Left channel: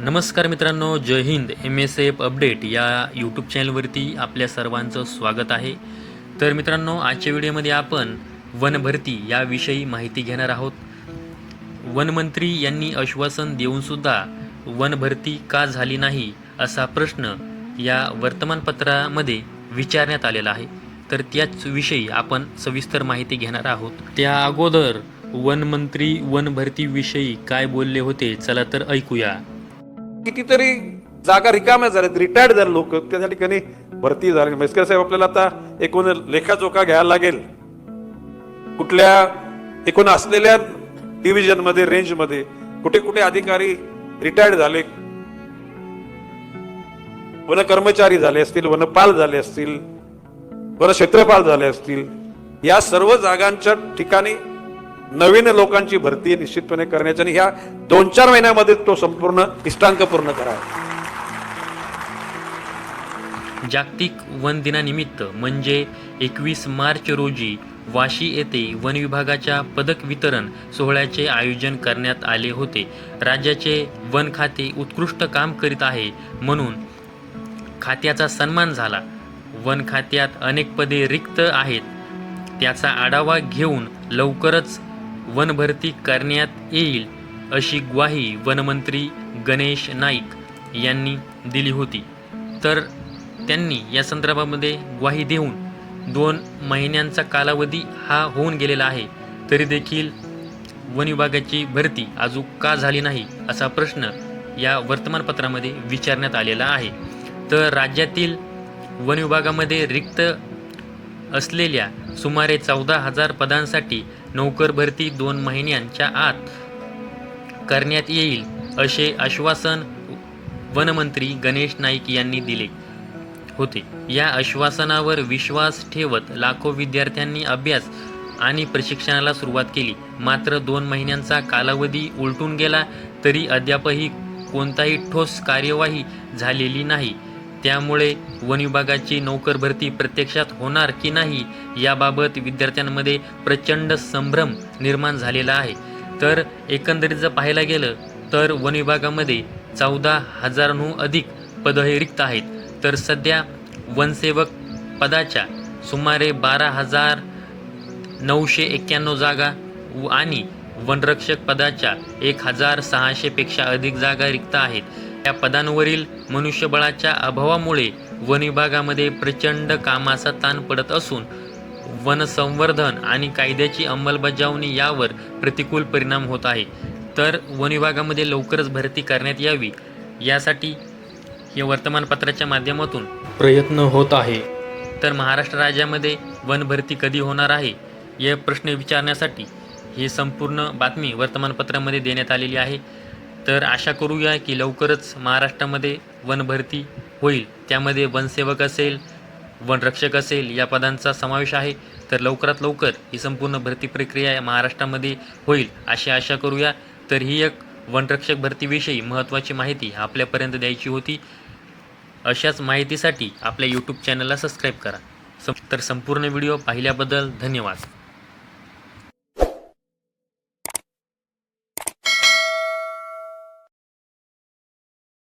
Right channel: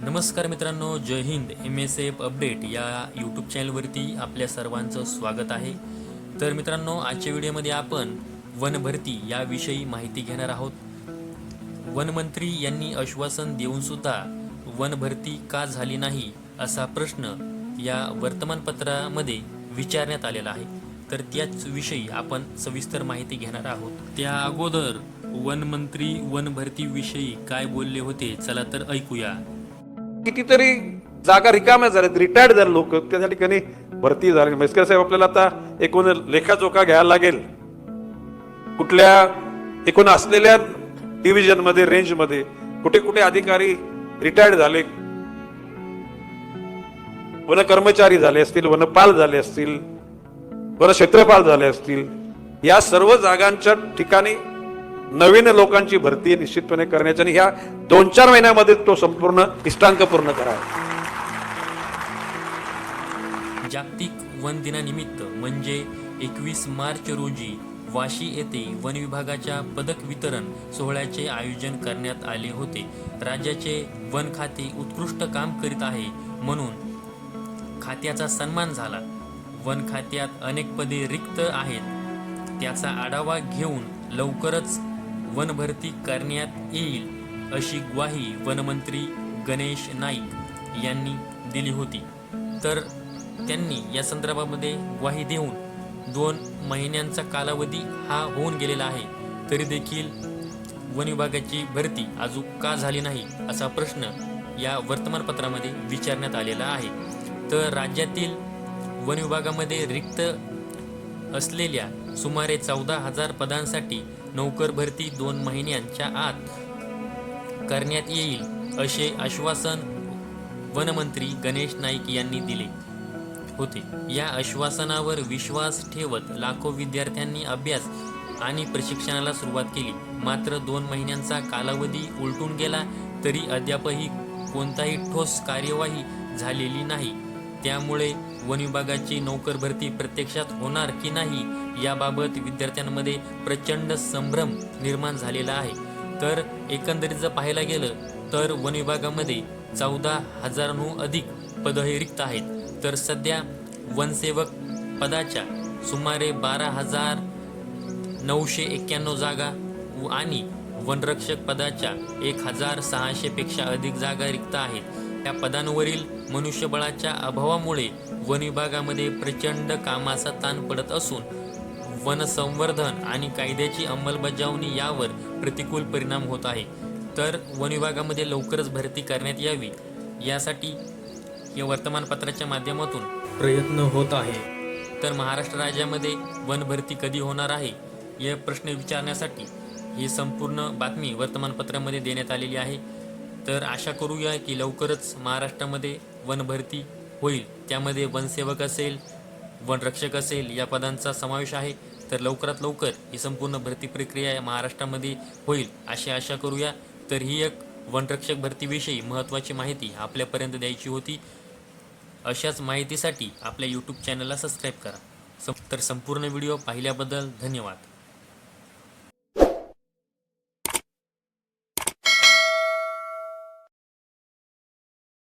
नमस्कार मित्रांनो जय Hind. M S F update या यूट्यूब चॅनलवरती आपल्या सर्वांचं स्वागत आहे. तर मित्रांनो आजच्या व्हिडिओमध्ये आपण वन भरती याविषयी माहिती घेणार आहोत. वनमंत्री यांनी आश्वासन देऊनसुद्धा वन भरती का झाली नाही असा प्रश्न या वर्तमानपत्रामध्ये विचारण्यात आलेला आहे. तर त्याच विषयी आपण सविस्तर माहिती घेणार आहोत. त्या अगोदर वनमंत्री वन भरतीविषयी काय बोलले होते चला तर ऐकूया. कितीतरी जागा रिकाम्या झाल्यात रिटायर्ड झाले लोक. त्या ठिकाणी भरती झाली. म्हैसकर साहेब आपल्याला आता एकूण लेखाजोखा घ्यायला लागेल. कुठल्या एकूण असलेल्या डिव्हिजनमध्ये रेंजमध्ये कुठे कुठे अधिकारी रिटायर्ड झाले? वन कर्मचारी झाले असतील वनपाल झाले असतील वन क्षेत्रपाल झाले असतील या सर्व जागांच्या ठिकाणी नवीन लोकांची भरती निश्चितपणे करण्याची आणि ह्या दोन चार महिन्यामध्ये तो संपूर्ण इष्टांक पूर्ण करावा. जागतिक वन दिनानिमित्त म्हणजे एकवीस मार्च रोजी वाशी येथे वन विभागाच्या पदक वितरण सोहळ्याचे आयोजन करण्यात आले होते. राज्याचे वन खाते उत्कृष्ट काम करीत आहे म्हणून खात्याचा सन्मान झाला. वन खात्यात अनेक पदे रिक्त आहेत. त्याचा आढावा घेऊन लवकरच वनभरती करण्यात येईल अशी ग्वाही वनमंत्री गणेश नाईक यांनी दिली होती. तर त्यांनी या संदर्भामध्ये ग्वाही देऊन दोन महिन्यांचा कालावधी हा होऊन गेलेला आहे. तरी देखील वन विभागाची भरती अजून का झाली नाही असा प्रश्न या वर्तमानपत्रामध्ये विचारण्यात आलेला आहे. तर राज्यातील वन विभागामध्ये रिक्त असलेल्या सुमारे चौदा हजार पदांसाठी नोकर भरती दोन महिन्यांच्या आत करण्यात येईल असे आश्वासन वनमंत्री गणेश नाईक यांनी दिले होते. या आश्वासनावर विश्वास ठेवत लाखो विद्यार्थ्यांनी अभ्यास आणि प्रशिक्षणाला सुरुवात केली. मात्र दोन महिन्यांचा कालावधी उलटून गेला तरी अद्यापही कोणताही ठोस कार्यवाही झालेली नाही. त्यामुळे वन विभागाची नोकर भरती प्रत्यक्षात होणार की नाही याबाबत विद्यार्थ्यांमध्ये प्रचंड संभ्रम निर्माण झालेला आहे. तर एकंदरीत जर पाहायला गेलं तर वन विभागामध्ये चौदा हजारांहून अधिक पद हे रिक्त आहेत. तर सध्या वनसेवक पदाच्या सुमारे बारा हजार नऊशे एक्क्याण्णव जागा व- आणि वनरक्षक पदाच्या एक हजार सहाशेपेक्षा अधिक जागा रिक्त आहेत. या पदांवरील मनुष्यबळाच्या अभावामुळे वन विभागामध्ये प्रचंड कामाचा ताण पडत असून वनसंवर्धन आणि कायद्याची अंमलबजावणी यावर प्रतिकूल परिणाम होत आहे. तर वन विभागामध्ये लवकरच भरती करण्यात यावी यासाठी हे वर्तमानपत्राच्या माध्यमातून प्रयत्न होत आहे. तर महाराष्ट्र राज्यामध्ये वन भरती कधी होणार आहे हे प्रश्न विचारण्यासाठी ही संपूर्ण बातमी वर्तमानपत्रामध्ये देण्यात आलेली आहे. तर आशा करूया की लवकरच महाराष्ट्रामध्ये वन भरती होईल. त्यामध्ये वनसेवक असेल वनरक्षक असेल या पदांचा समावेश आहे. तर लवकरात लवकर ही संपूर्ण भरती प्रक्रिया महाराष्ट्रामध्ये होईल अशी आशा करूया. तर ही एक वनरक्षक भरतीविषयी महत्त्वाची माहिती आपल्यापर्यंत द्यायची होती. अशाच माहितीसाठी आपल्या यूट्यूब चॅनलला सबस्क्राईब करा. तर संपूर्ण व्हिडिओ पाहिल्याबद्दल धन्यवाद.